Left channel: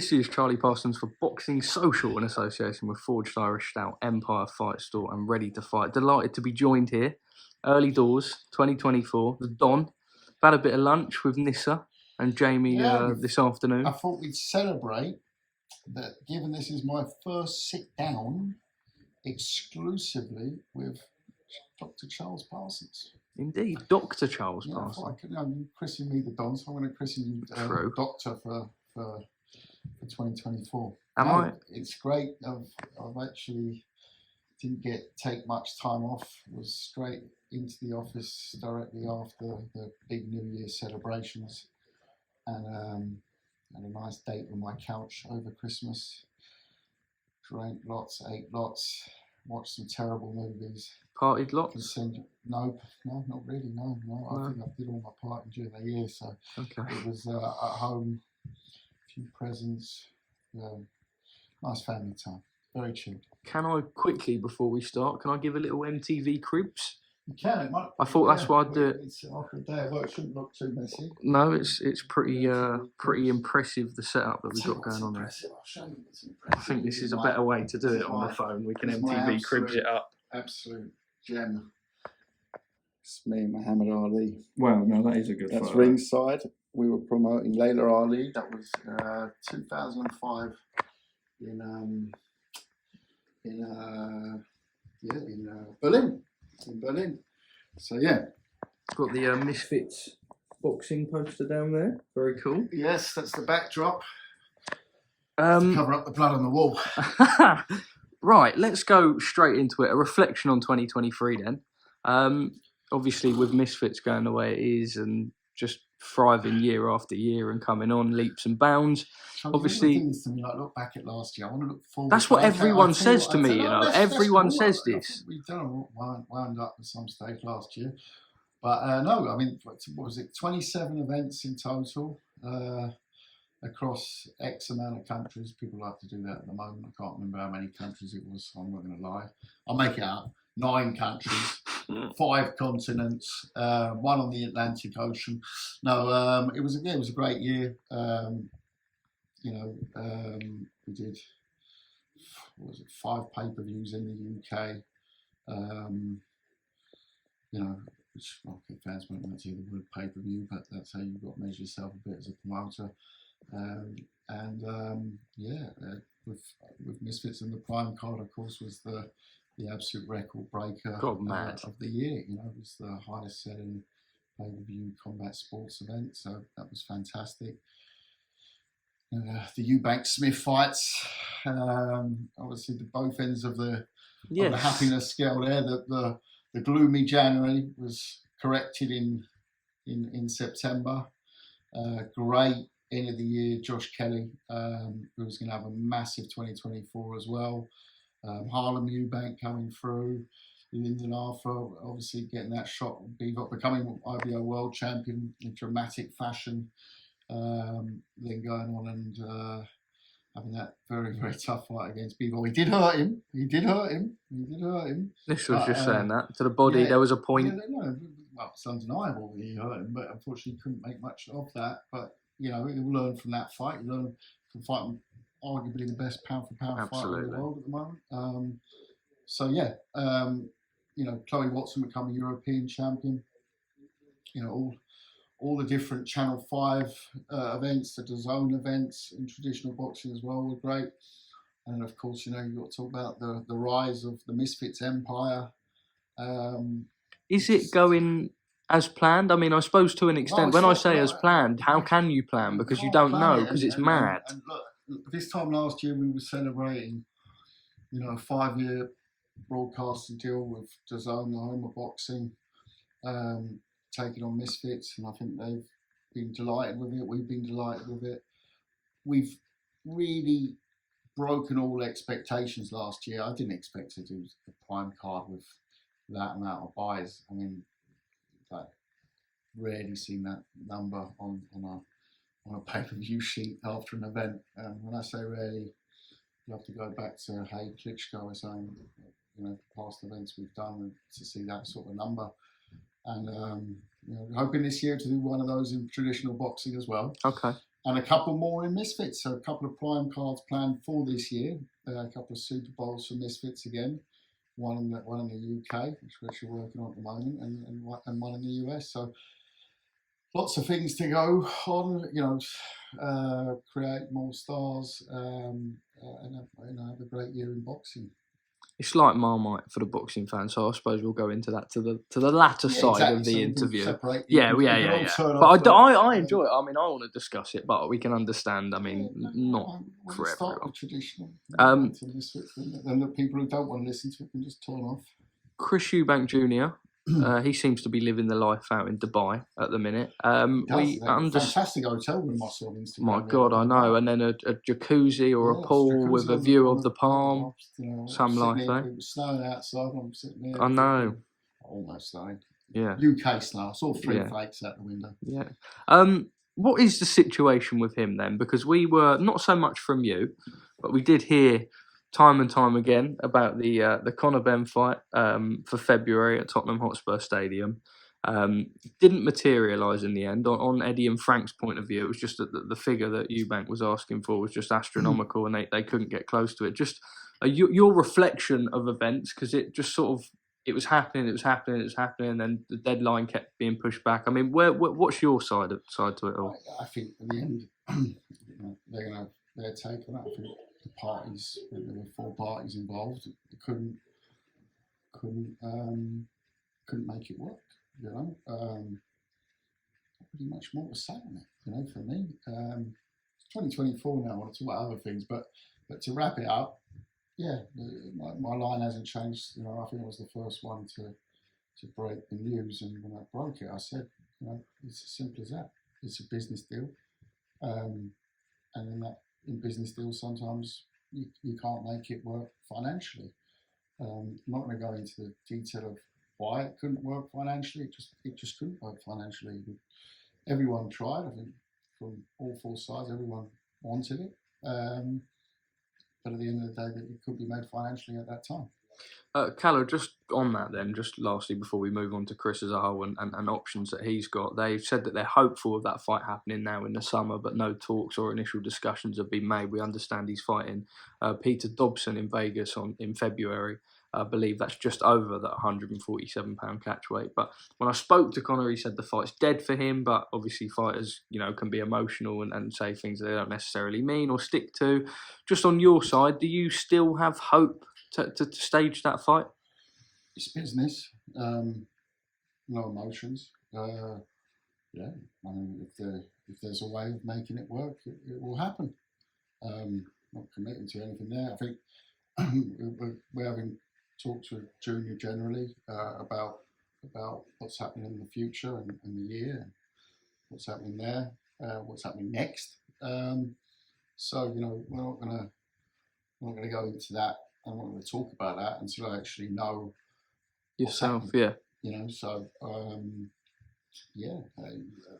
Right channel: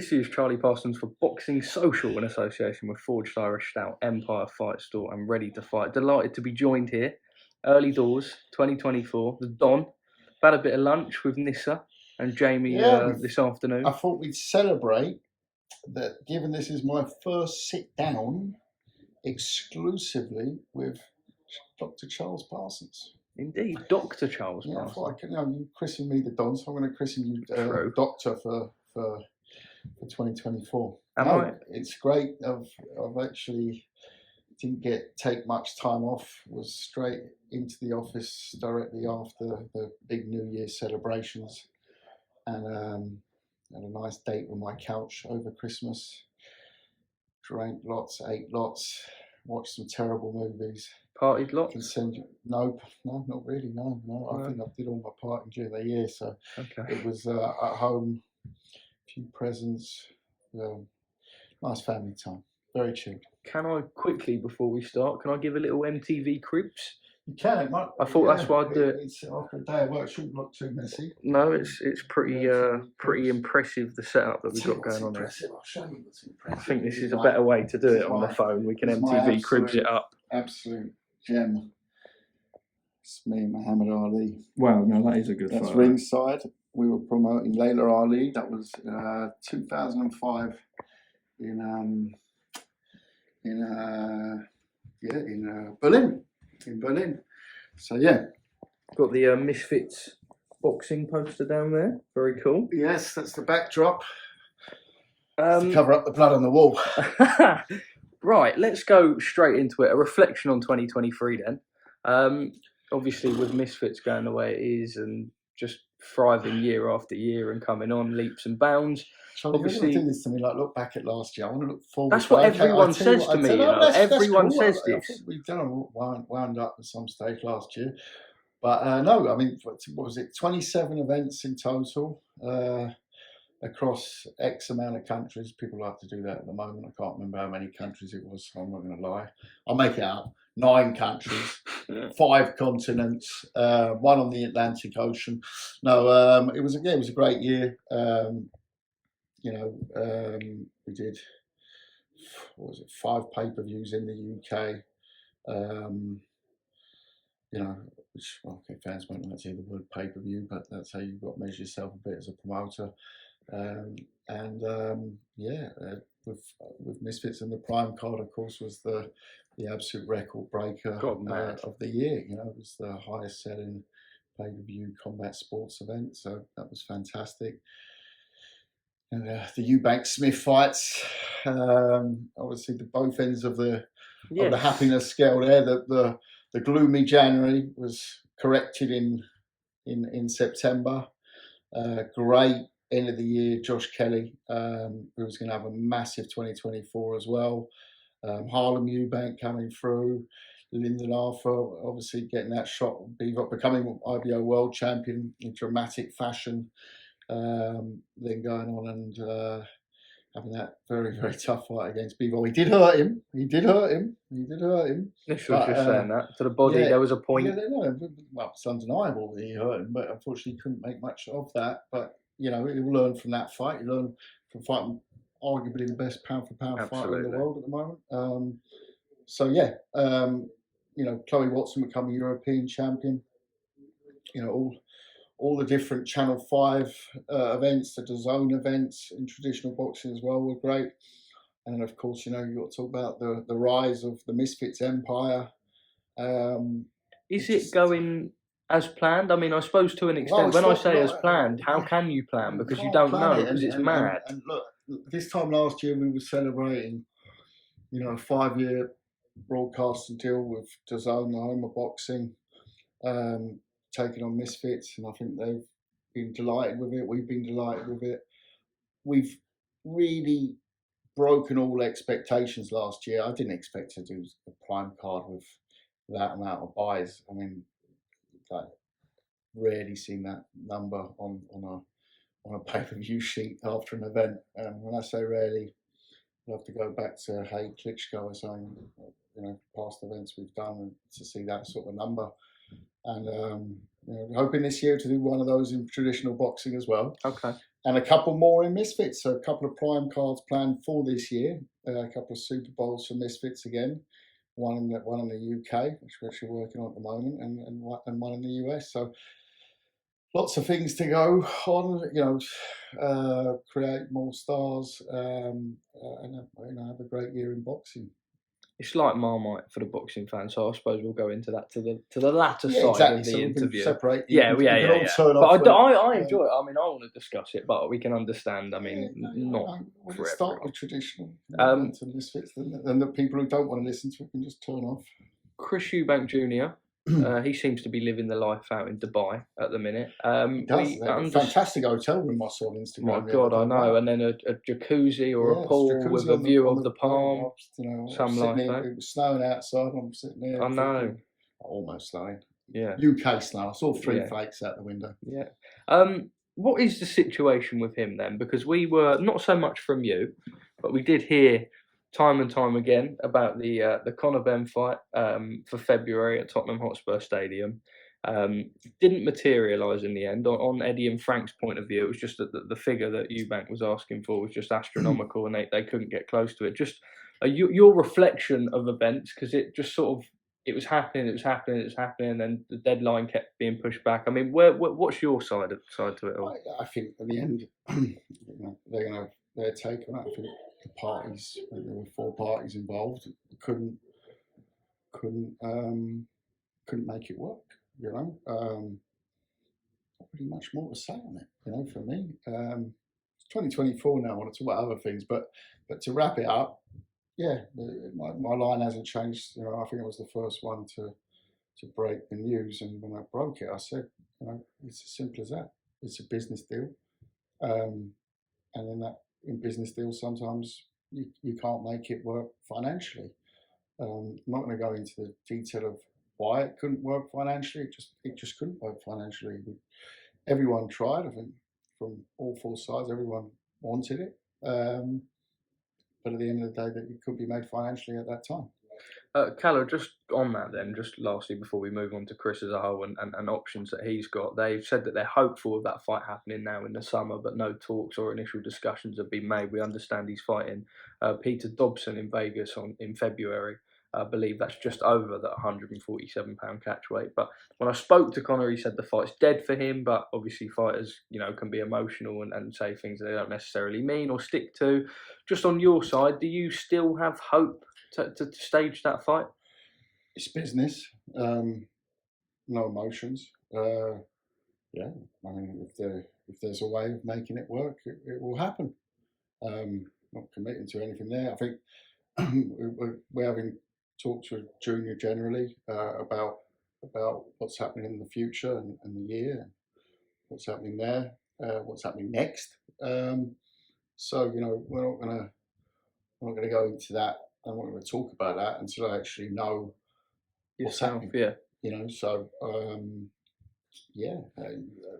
This is Charlie Parsons for Boxing Social in association with Forged Irish Stout, Empire Fight Store and Ready to Fight. Delighted to be joined here, early doors, 2024, the Don. Had a bit of lunch with Nissa and Jamie this afternoon. I thought we'd celebrate that, given this is my first sit down exclusively with Dr. Charles Parsons. Indeed, Dr. Charles Yeah, Parsons. I thought you christen me the Don, so I'm going to christen you Doctor for 2024. It's great. I've actually didn't take much time off. Was straight into the office directly after the big New Year celebrations, and had a nice date on my couch over Christmas. Drank lots, ate lots, watched some terrible movies. Partied lots? No, not really. No. I think I did all my partying during the year, so it was at home. A few presents. Nice family time. Very chilled. Can I quickly, before we start, can I give a little MTV Cribs? You can. I thought that's why I'd do it. It's after a day of work, shouldn't look too messy. No, it's pretty impressive, the setup that we've got going on here. I'll show you what's impressive. I think this is a better way to do it on the phone. We can MTV Cribs it up. Absolute gem. It's me and Muhammad Ali. Wow, no, that is a good That's photo. ringside. We were promoting Layla Ali. That was 2005 in Berlin. In Berlin. So yeah. Got the Misfits boxing poster down there. Very cool. Yes, that's the backdrop. Cover up the blood on the wall. Right, let's go straight into it. A reflection on 2023 then. Obviously with Misfits going the way it is and just thriving year after year and coming on leaps and bounds. Obviously, do this to me, like look back at last year. I want to look forward. That's what everyone says to me. Everyone says this. We've done wound up at some stage last year, but no. I mean, what was it? 27 events in total across X amount of countries. People like to do that at the moment. I can't remember how many countries it was. So I'm not going to lie. I'll make it up. 9 countries, 5 continents, 1 on the Atlantic Ocean. No, it was a great year. We did 5 pay-per-views in the UK. Which fans might not hear the word pay-per-view, but that's how you've got to measure yourself a bit as a promoter. With Misfits and the Prime card, of course, was the absolute record breaker of the year. It was the highest selling pay-per-view combat sports event, so that was fantastic. And the Eubank Smith fights, obviously the both ends of the happiness scale there. The gloomy January was corrected in September. Great end of the year, Josh Kelly, who was going to have a massive 2024 as well. Harlem Eubank coming through. Lyndon Arthur obviously getting that shot, becoming IBO world champion in dramatic fashion. Then going on and having that very, very tough fight against Bivol. He did hurt him. This was just saying that. To the body, there was a point. Well, it's undeniable that he hurt him, but unfortunately he couldn't make much of that. But, he'll learn from that fight. He'll learn from fighting arguably the best pound-for-pound fighter in the world at the moment. Chloe Watson becoming European champion. All the different Channel 5 events, the DAZN events in traditional boxing as well were great. And then, of course, you've got to talk about the rise of the Misfits empire. Is it going as planned? I mean, I suppose to an extent, when I say as planned, how can you plan? Because you don't know, because it's mad. And look, this time last year we were celebrating, a 5-year broadcasting deal with DAZN, the home of boxing. Taking on Misfits, and I think they've been delighted with it. We've been delighted with it. We've really broken all expectations last year. I didn't expect to do the Prime card with that amount of buys. I mean, rarely seen that number on a pay-per-view sheet after an event. When I say rarely, you have to go back to Hay Klitschko or something, past events we've done, and to see that sort of number. And hoping this year to do one of those in traditional boxing as well. Okay. and a couple more in Misfits. So a couple of prime cards planned for this year. A couple of Super Bowls for Misfits again. One in the UK, which we're actually working on at the moment, and one in the US. So lots of things to go on. Create more stars, and have a great year in boxing. It's like Marmite for the boxing fan, so I suppose we'll go into that to the latter side exactly. of the so interview. Yeah. But I enjoy it. I mean, I want to discuss it, but we can understand. I mean, not for start everyone. with traditional. To the Misfits, and the people who don't want to listen to it can just turn off. Chris Eubank Jr. He seems to be living the life out in Dubai at the minute. He does. Fantastic hotel room I saw on Instagram. My God, I know. And then a jacuzzi or a pool with a view of the palm. Something like that. It was snowing outside. I'm sitting there. I know. Almost snowing. Yeah. UK snow. I saw 3 flakes out the window. Yeah. What is the situation with him then? Because we were not so much from you, but we did hear time and time again about the Conor Benn fight for February at Tottenham Hotspur Stadium. Didn't materialise in the end. On Eddie and Frank's point of view, it was just that the figure that Eubank was asking for was just astronomical, and they couldn't get close to it. Just your reflection of events, because it just sort of it was happening, and then the deadline kept being pushed back. I mean, what's your side to it all? I think at the end, they're going to have their take on it. I think the parties, there were 4 parties involved, couldn't make it work. Not really much more to say on it. For me, it's 2024 now. I want to talk about other things, but to wrap it up, my line hasn't changed. I think I was the first one to break the news, and when I broke it, I said, it's as simple as that. It's a business deal, and then that. In business deals, sometimes you can't make it work financially. I'm not going to go into the detail of why it couldn't work financially. It just couldn't work financially. Everyone tried. I think from all 4 sides, everyone wanted it. But at the end of the day, that it could be made financially at that time. Kalle, just on that then, just lastly before we move on to Chris as a whole and options that he's got, they've said that they're hopeful of that fight happening now in the summer, but no talks or initial discussions have been made. We understand he's fighting Peter Dobson in Vegas in February. I believe that's just over that 147-pound catch weight. But when I spoke to Conor, he said the fight's dead for him, but obviously fighters, can be emotional and say things they don't necessarily mean or stick to. Just on your side, do you still have hope to stage that fight? It's business, no emotions. I mean, if there's a way of making it work, it will happen. Not committing to anything there. I think we're having talks with Junior generally about what's happening in the future and the year, what's happening there, what's happening next. So we're not going to go into that. I'm not going to talk about that until I actually know yourself.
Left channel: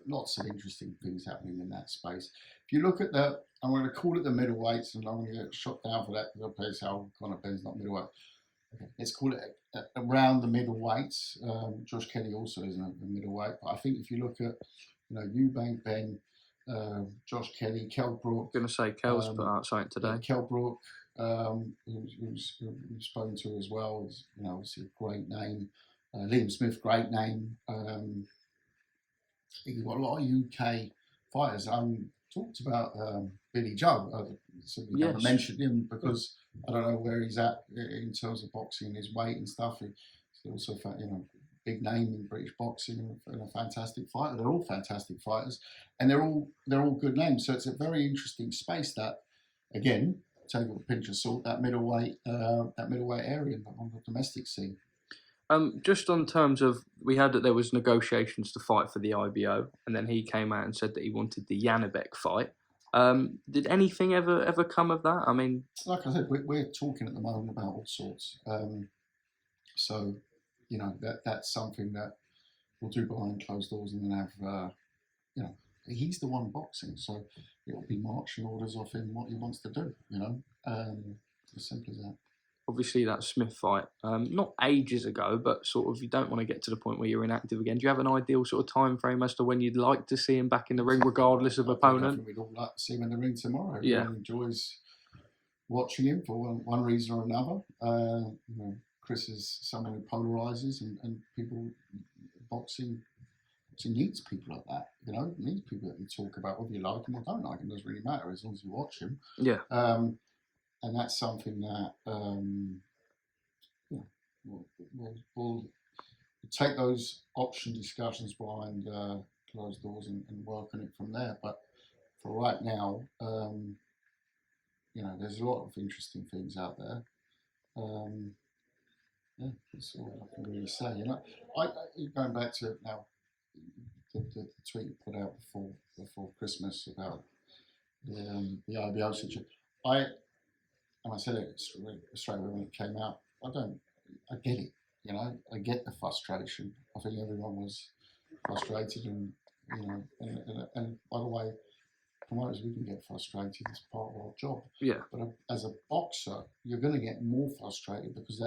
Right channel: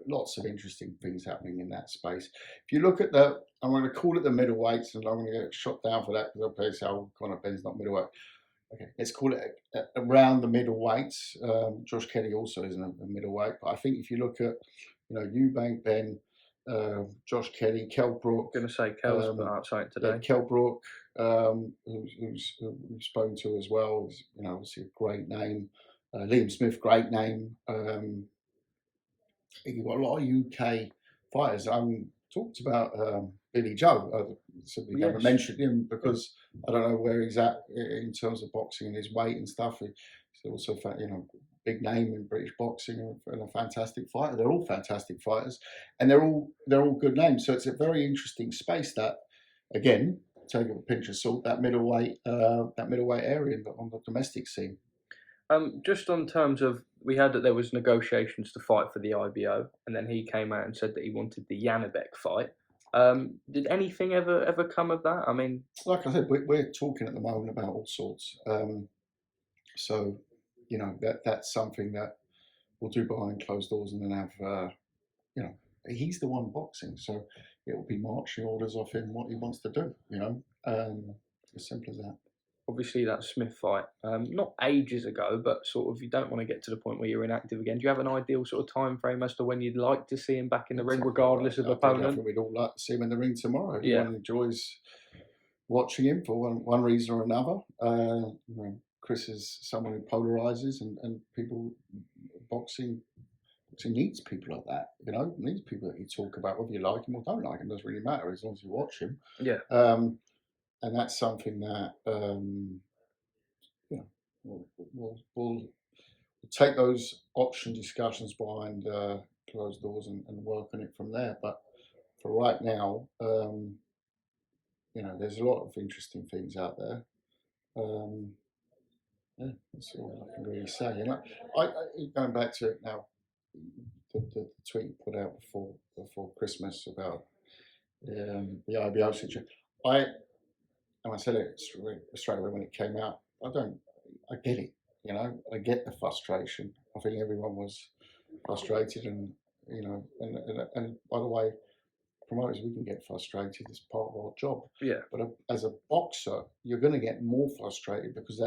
Lots of interesting things happening in that space. If you look at I'm going to call it the middleweights, and I'm going to get shot down for that because I'll play how Conor Benn's not middleweight. Okay, let's call it around the middleweights. Josh Kelly also isn't a middleweight, but I think if you look at Eubank, Benn, Josh Kelly, Kell Brook. I'm going to say Kell's put out something today. Kell Brook, who's we've spoken to as well, is obviously a great name. Liam Smith, great name. You've got a lot of UK fighters. Talked about Billy Joe. I simply haven't mentioned him because I don't know where he's at in terms of boxing and his weight and stuff. He's also, big name in British boxing and a fantastic fighter. They're all fantastic fighters, and they're all good names. So it's a very interesting space that, again, take it with a pinch of salt, that middleweight area on the domestic scene. Just on terms of, we heard that there was negotiations to fight for the IBO, and then he came out and said that he wanted the Janibek fight. Did anything ever come of that? I mean, like I said, we're talking at the moment about all sorts. So that's something that we'll do behind closed doors, and then have he's the one boxing, so it will be marching orders off him what he wants to do. As simple as that. obviously that Smith fight, not ages ago, but sort of you don't want to get to the point where you're inactive again. Do you have an ideal sort of time frame as to when you'd like to see him back in the ring, regardless of opponent? I think we'd all like to see him in the ring tomorrow. Yeah. Everyone enjoys watching him for one reason or another. Chris is someone who polarizes, and people, boxing needs people like that. Needs people that you talk about, whether you like him or don't like him. Doesn't really matter as long as you watch him. Yeah. And that's something that we'll take those option discussions behind closed doors and work on it from there. But for right now, there's a lot of interesting things out there. That's all I can really say. I going back to it now, the tweet you put out before Christmas about the IBO situation. I said it straight away when it came out. I get it. I get the frustration. I think everyone was frustrated, and by the way, promoters, we can get frustrated. It's part of our job. Yeah. But as a boxer, you're going to get more frustrated because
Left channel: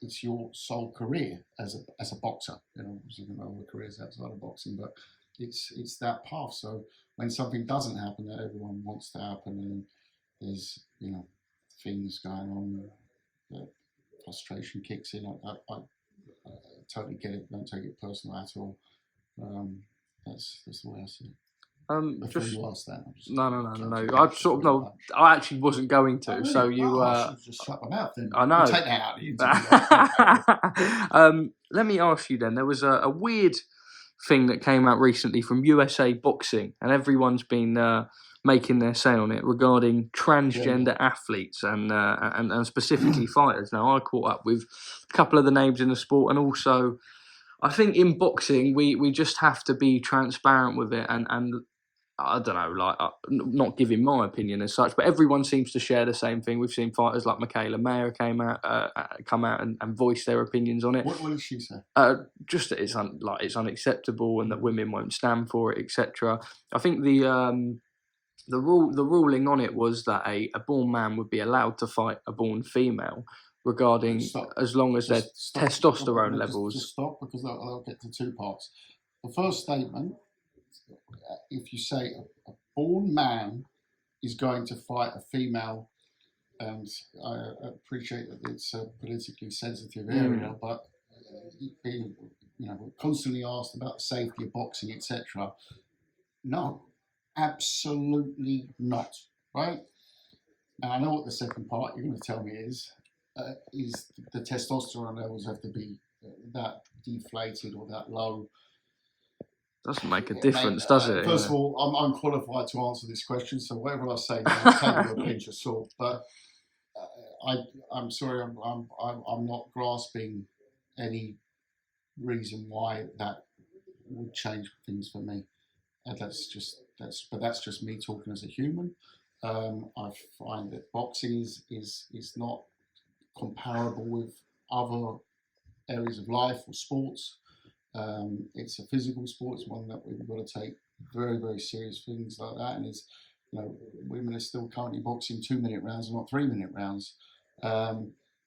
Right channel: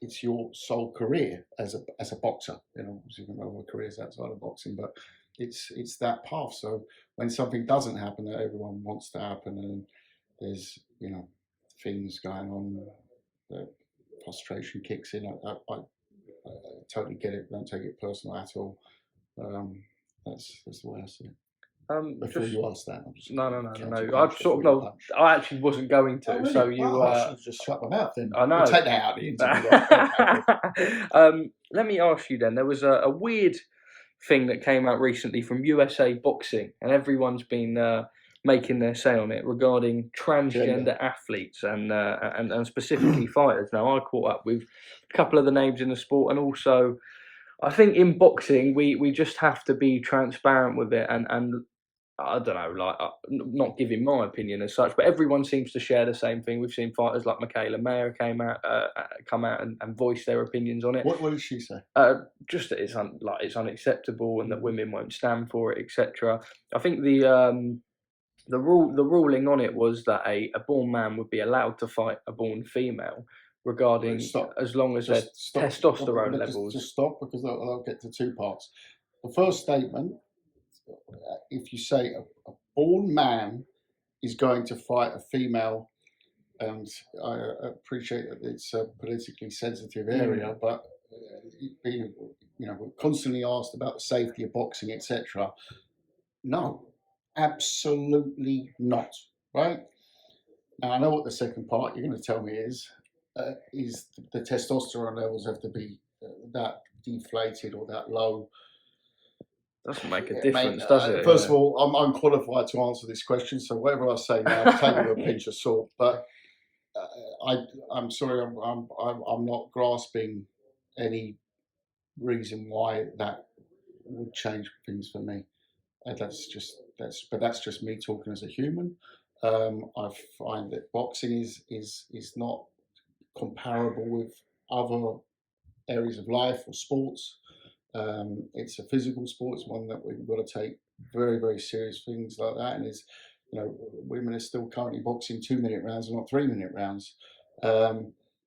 it's your sole career as a boxer. Obviously, you can have careers outside of boxing, but it's that path. So when something doesn't happen that everyone wants to happen, and there's things going on, the frustration kicks in. I totally get it. Don't take it personal at all. That's the way I see it. Before you ask that, no. I actually wasn't going to. Oh, really? So you I should have just shut my mouth then. I know. We'll take that out of the interview. Let me ask you then. There was a weird thing that came out recently from USA Boxing, and everyone's been making their say on it regarding transgender athletes and specifically fighters. Now, I caught up with a couple of the names in the sport, and also I think in boxing we just have to be transparent with it and I don't know, not giving my opinion as such, but everyone seems to share the same thing. We've seen fighters like Michaela Mayer come out and voice their opinions on it. What did she say? Just that it's unacceptable and that women won't stand for it, etc. I think the ruling on it was that a born man would be allowed to fight a born female, regarding as long as their testosterone levels. Just stop, because I'll get to two parts. The first statement. If you say a born man is going to fight a female, and I appreciate that it's a politically sensitive area, but we're constantly asked about the safety of boxing, etc. No, absolutely not. Right? Now I know what the second part you're going to tell me is the testosterone levels have to be that deflated or that low. Doesn't make a difference, does it? First of all, I'm unqualified to answer this question, so whatever I say now, take it with a pinch of salt. But I'm sorry, I'm not grasping any reason why that would change things for me. That's just me talking as a human. I find that boxing is not comparable with other areas of life or sports. It's a physical sport. It's one that we've got to take very, very serious things like that. And women are still currently boxing 2-minute rounds and not 3-minute rounds.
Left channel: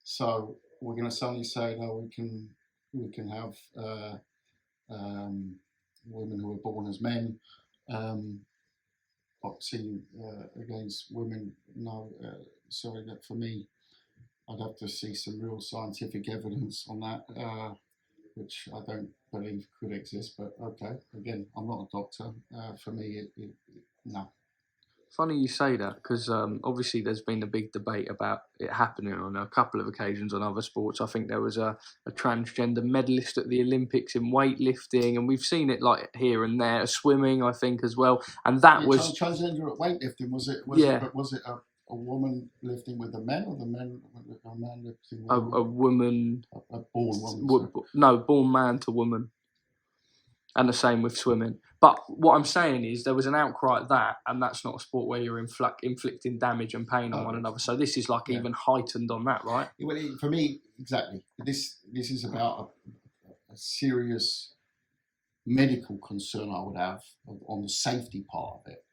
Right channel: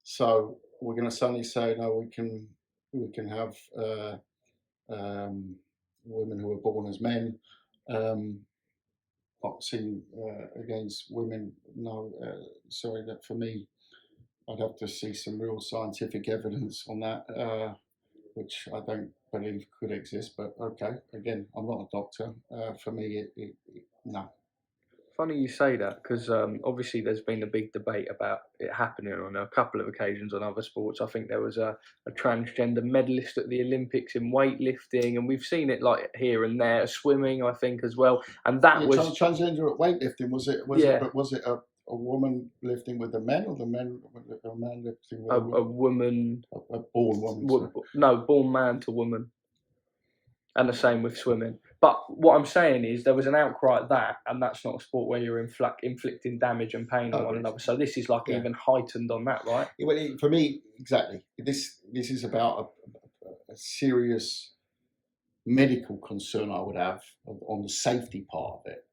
So we're going to suddenly say, no, we can have women who are born as men boxing against women. No, sorry, that for me, I'd have to see some real scientific evidence on that. Which I don't believe could exist, but okay. Again, I'm not a doctor. For me, no. Funny you say that, because obviously there's been a big debate about it happening on a couple of occasions on other sports. I think there was a transgender medalist at the Olympics in weightlifting, and we've seen it like here and there, swimming, I think, as well. And that was transgender at weightlifting. Was it a woman lifting with the men, or the men with a man lifting with a woman? A born woman. No, born man to woman. And the same with swimming. But what I'm saying is there was an outcry at that, and that's not a sport where you're inflicting damage and pain on one another. So this is even heightened on that, right? Well, for me, exactly. This is about a serious medical concern I would have on the safety part of it.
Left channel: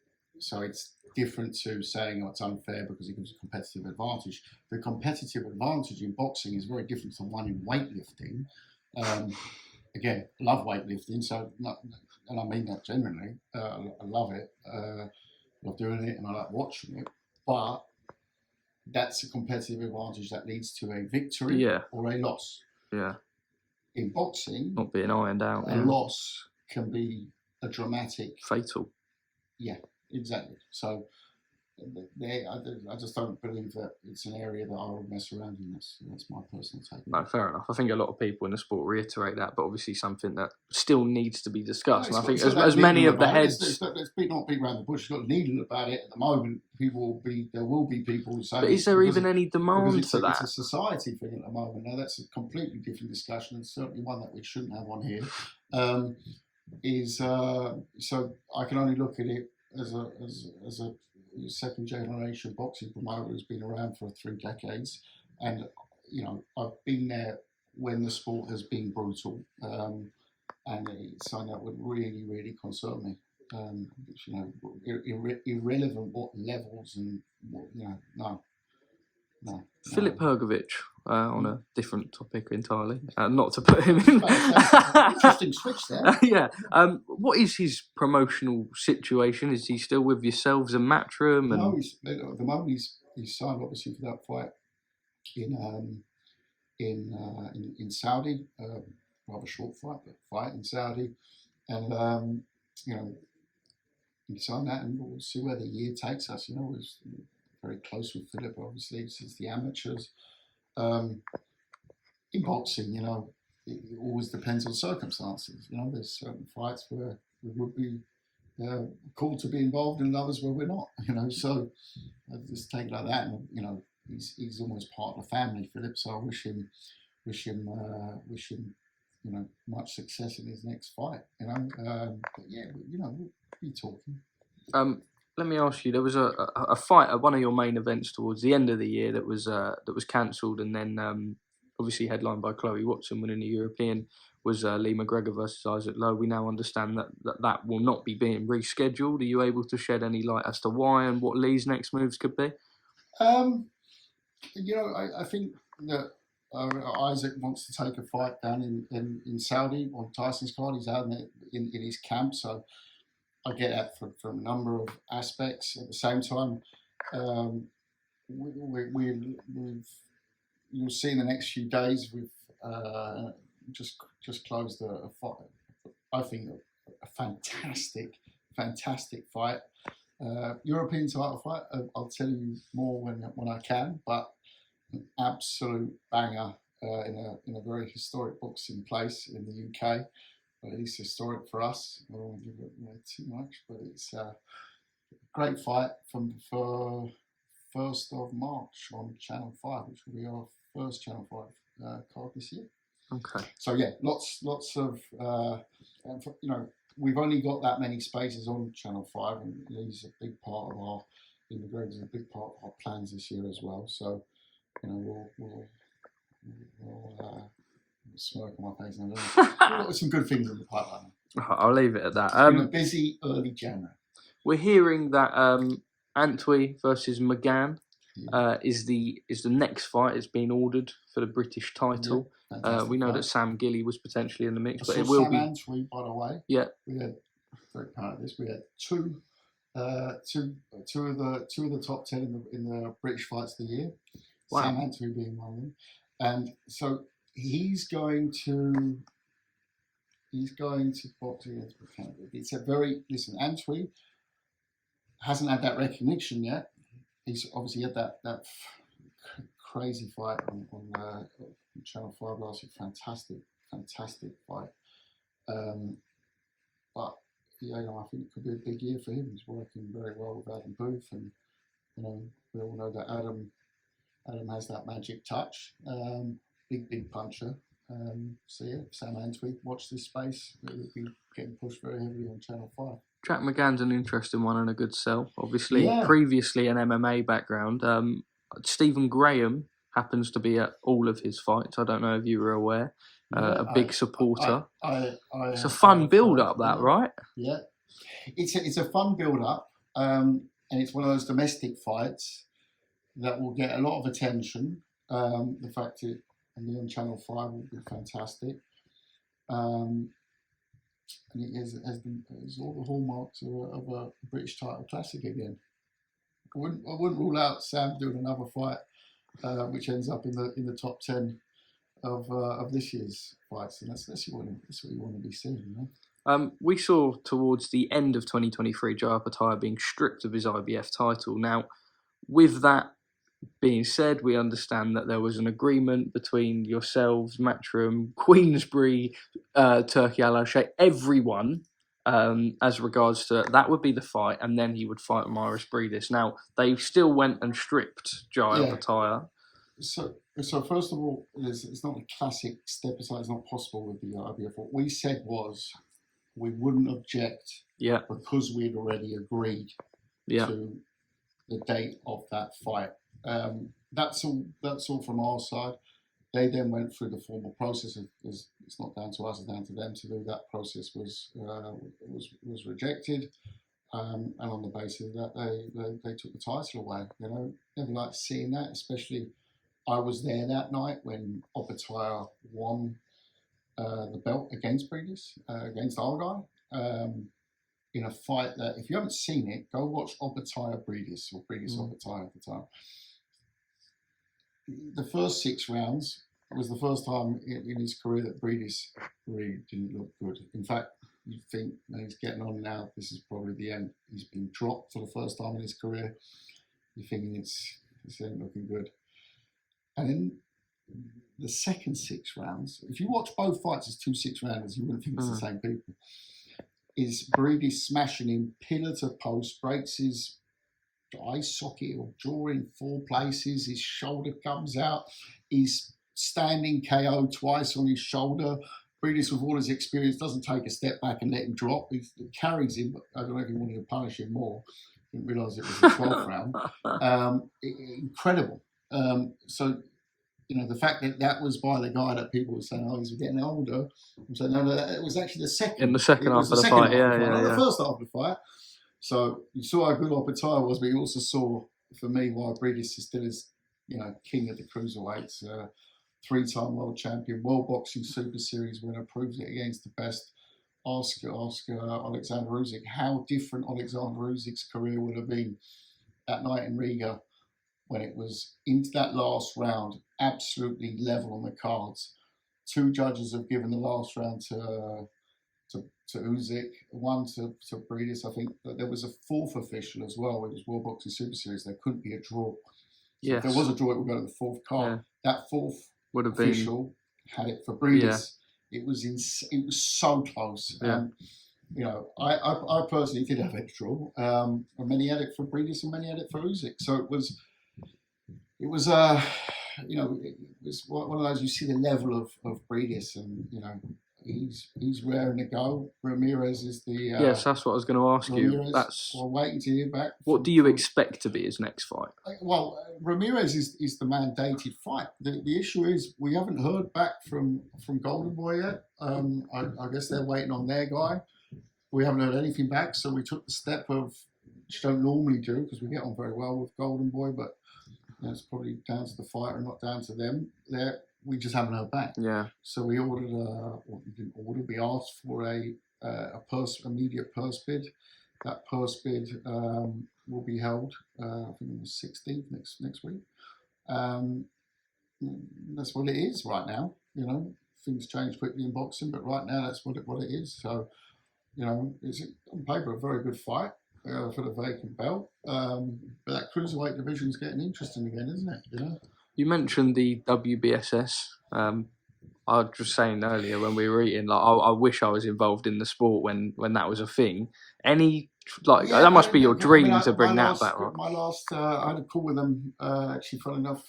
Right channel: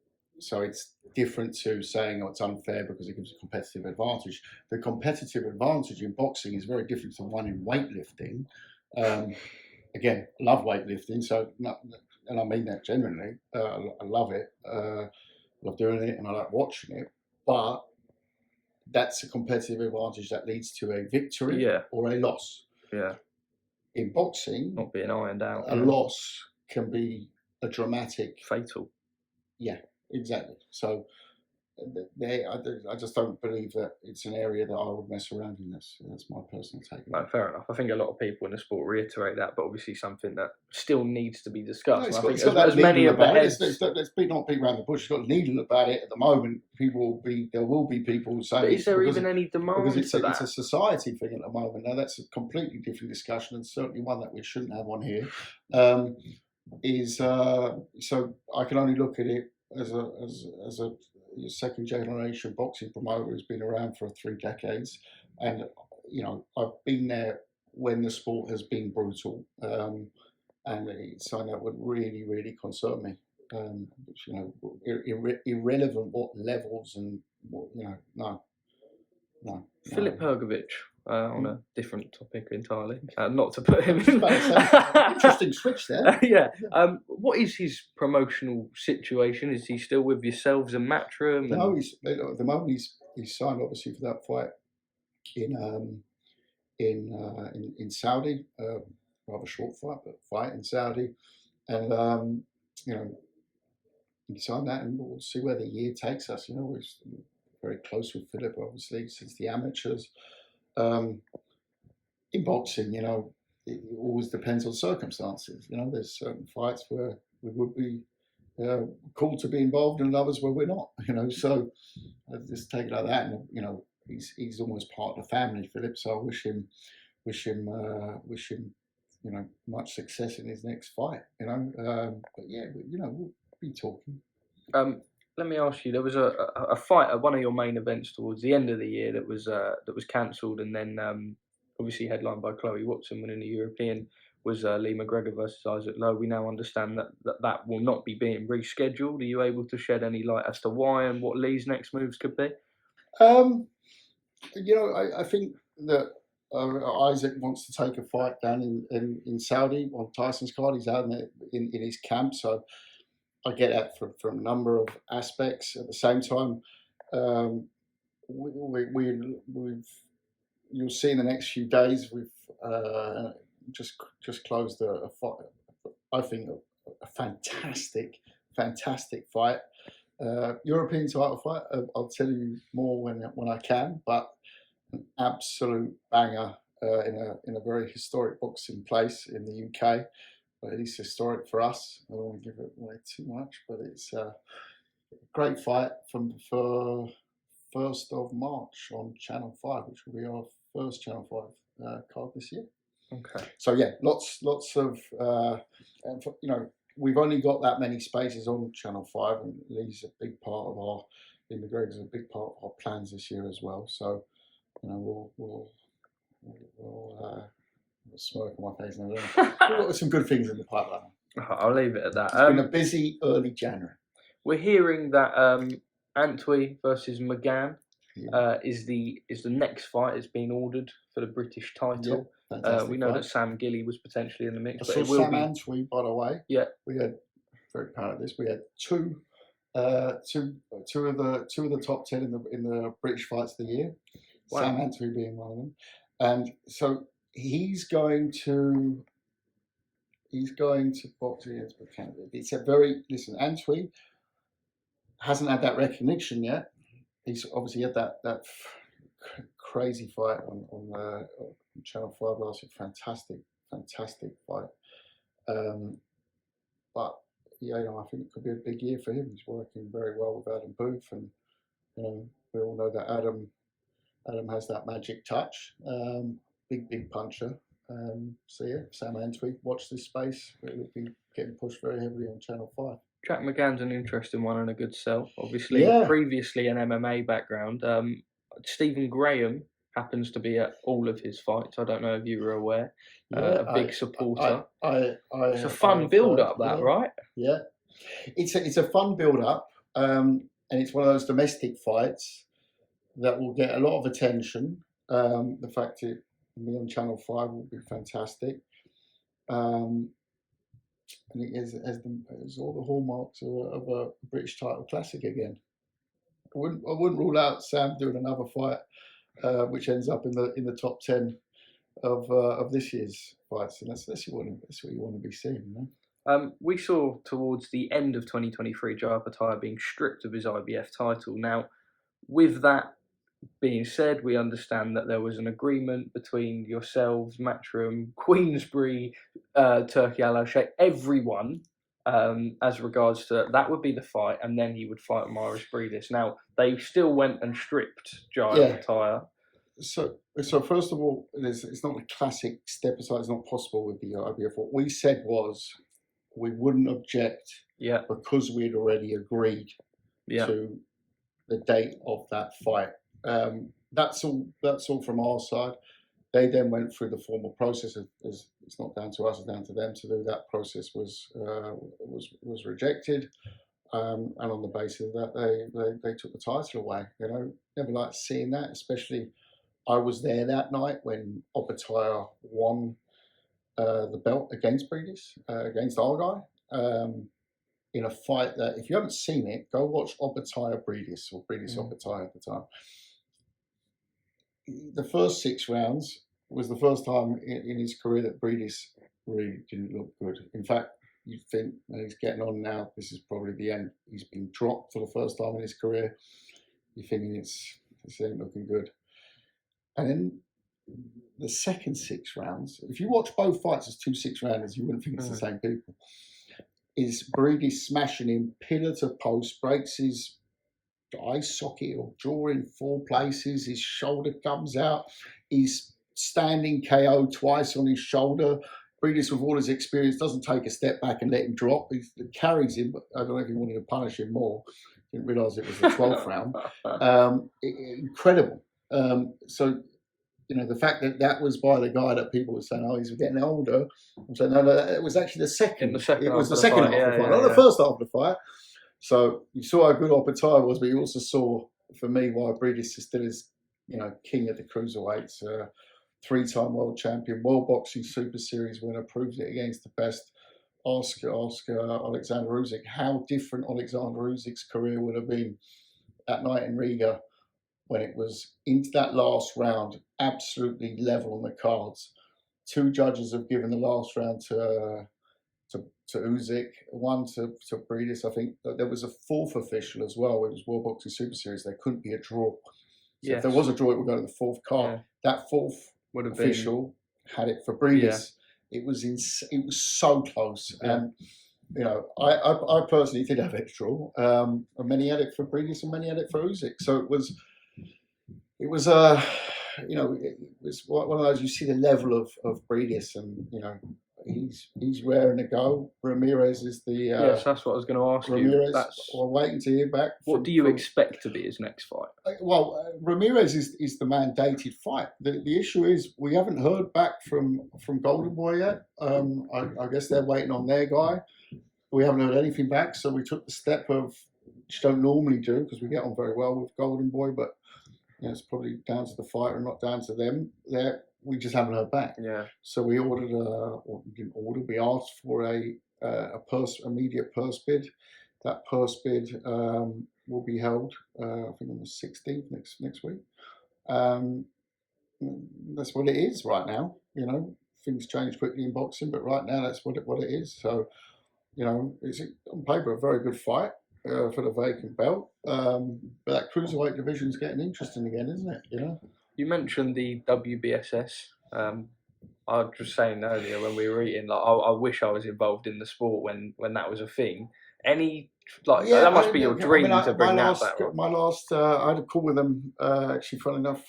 so it's different to saying, oh, it's unfair because it gives a competitive advantage. The competitive advantage in boxing is very different to one in weightlifting. Again, love weightlifting, so and I mean that genuinely. I love it. I love doing it, and I like watching it. But that's a competitive advantage that leads to a victory or a loss. Yeah. In boxing, not being ironed out, a loss can be a dramatic, fatal. Yeah, exactly. So I just don't believe that it's an area that I would mess around in. That's my personal take. No, fair enough. I think a lot of people in the sport reiterate that, but obviously something that still needs to be discussed. No, and I think as many of the heads... Let's not beat around the bush. It's not needle about it at the moment. There will be people saying... But is there even any demand for that? It's a society thing at the moment. Now, that's a completely different discussion, and certainly one that we shouldn't have on here. So I can only look at it as a second generation boxing promoter who's been around for 3 decades, and I've been there when the sport has been brutal, and it's something that would really, really concern me. Irrelevant what levels and what, no. Filip Hrgovic, on a different topic entirely, not to put him in. Interesting switch there. Yeah. What is his promotional situation? Is he still with yourselves and Matchroom? No, at the moment he's signed obviously for that fight in Saudi. Rather short fight, but fight in Saudi, and he signed that, and we'll see where the year takes us. We're very close with Filip, obviously, since the amateurs. In boxing, it always depends on circumstances. There's certain fights where we would be called to be involved, and others where we're not. So I just take it like that. And he's almost part of the family, Filip. So I wish him, much success in his next fight. But yeah, we'll be talking. Let me ask you. There was a fight at one of your main events towards the end of the year that was cancelled, and then obviously headlined by Chloe Watson winning the European. Was Lee McGregor versus Isaac Lowe. We now understand that will not be being rescheduled. Are you able to shed any light as to why and what Lee's next moves could be? I think that Isaac wants to take a fight down in Saudi on Tyson's card. He's out in his camp, so I get that from a number of aspects. At the same time, you'll see in the next few days we've just closed a fight. I think a fantastic fight, European title fight. I'll tell you more when I can, but an absolute banger in a very historic boxing place in the UK. But it is historic for us. I don't want to give it away too much, but it's a great fight for 1st of March on Channel 5, which will be our first Channel 5 card this year. Okay. So yeah, lots of, we've only got that many spaces on Channel 5, and Lee's a big part of Lee McGregor's a big part of our plans this year as well. So, we'll smoke on my face and everything. We've got some good things in the pipeline. I'll leave it at that. It's been a busy early January. We're hearing that Antwi versus McGann is the next fight. It's been ordered for the British title. Yeah, we know that Sam Gilly was potentially in the mix, but it will be Antwi, by the way. Yeah, we had very proud of this. We had two of the top 10 in the British fights of the year. Wow. Sam Antwi being one of them, and so he's going to box against McGann. It's Antwi hasn't had that recognition yet. He's obviously had that crazy fight on Channel 5 last week. Fantastic fight. But I think it could be a big year for him. He's working very well with Adam Booth, and we all know that Adam has that magic touch. Big puncher. So yeah, Sam Antwi, watch this space. It'll be getting pushed very heavily on Channel 5. Jack McGann's an interesting one and a good sell. Obviously, previously an MMA background. Stephen Graham happens to be at all of his fights. I don't know if you were aware. A big supporter. It's a fun build-up, right? Yeah, it's a fun build-up. and it's one of those domestic fights that will get a lot of attention. The fact it will be on Channel 5 will be fantastic. And it has all the hallmarks of a British title classic again. I wouldn't rule out Sam doing another fight, which ends up in the top 10 of this year's fights, and that's what you want to be seeing. You know? We saw towards the end of 2023 Jai Opetaia being stripped of his IBF title. Now, with that being said, we understand that there was an agreement between yourselves, Matchroom, Queensbury, Turkey Al Sheikh, everyone, as regards to that would be the fight, and then he would fight Mairis Briedis. Now, they still went and stripped Jai Opetaia. So first of all, it's not a classic step aside. It's not possible with the IBF. What we said was we wouldn't object because we'd already agreed to the date of that fight. That's all from our side. They then went through the formal process. It's not down to us; it's down to them to do. That process was rejected, and on the basis of that, they took the title away. You know, never liked seeing that. Especially, I was there that night when Opetaia won the belt against Briedis, against our guy. In a fight that, if you haven't seen it, go watch Opetaia-Briedis or Briedis Opetaia at the time. The first 6 rounds was the first time in his career that Briedis really didn't look good. In fact, you think he's getting on now, this is probably the end. He's been dropped for the first time in his career. You're thinking this ain't looking good. And then the second 6 rounds, if you watch both fights as 2 6-rounders, you wouldn't think it's the same people. Is Briedis smashing him pillar to post, breaks his eye socket or jaw in 4 places, his shoulder comes out, he's standing KO twice on his shoulder. Briedis, with all his experience, doesn't take a step back and let him drop. He carries him, but I don't know if he wanted to punish him more. Didn't realise it was the 12th round. Incredible. So, you know, the fact that was by the guy that people were saying, oh, he's getting older. I'm saying, no, it was actually the second. In the second half of the fight. Not the first half of the fight. So you saw how good Opetaia was, but you also saw, for me, why Briedis still is, you know, king of the cruiserweights. 3-time world champion, World Boxing Super Series winner, proves it against the best. Ask Oleksandr Usyk how different Oleksandr Usyk's career would have been that night in Riga, when it was into that last round, absolutely level on the cards. 2 judges have given the last round to Usyk, 1 to Briedis. I think that there was a 4th official as well. It was World Boxing Super Series. There couldn't be a draw. So if there was a draw, it would go to the 4th card. That 4th official had it for Briedis. It was so close. And you know, I personally did have it draw. And many had it for Briedis and many had it for Usyk. So it was you know, it was one of those, you see the level of Briedis, and you know, he's raring to go. Ramirez is the yes, that's what I was going to ask you. We're waiting to hear back. What do you expect to be his next fight? Well, Ramirez is the mandated fight. The issue is we haven't heard back from Golden Boy yet. I guess they're waiting on their guy. We haven't heard anything back, so we took the step of, which you don't normally do because we get on very well with Golden Boy, but you know, it's probably down to the fighter and not down to them. We just haven't heard back. Yeah. So we ordered we asked for a immediate purse bid. That purse bid will be held, I think on the 16th next week. That's what it is right now. You know, things change quickly in boxing, but right now that's what it is. So, you know, it's on paper a very good fight for the vacant belt. But that cruiserweight division is getting interesting again, isn't it? You know. You mentioned the WBSS. I was just saying earlier when we were eating, like I wish I was involved in the sport when that was a thing. That must be your dream to bring that back. My last, I had a call with them actually, fun enough,